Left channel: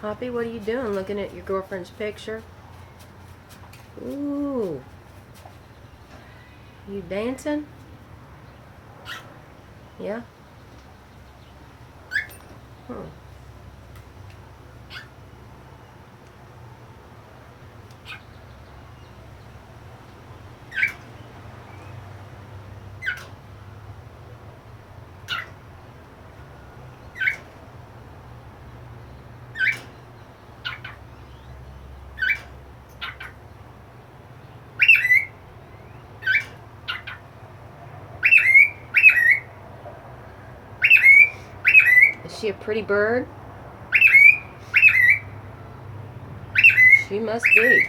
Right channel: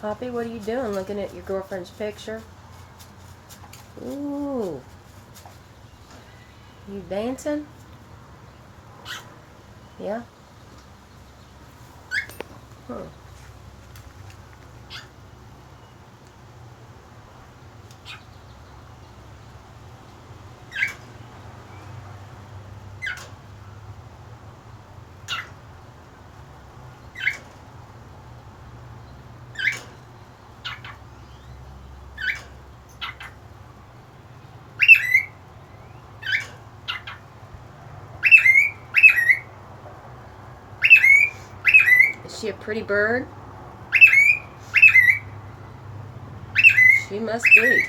Hoppy, what are you doing? Looking at your girlfriend's picture? Ooh. You dancing? Yeah? Hmm. Is she a pretty bird? She must be.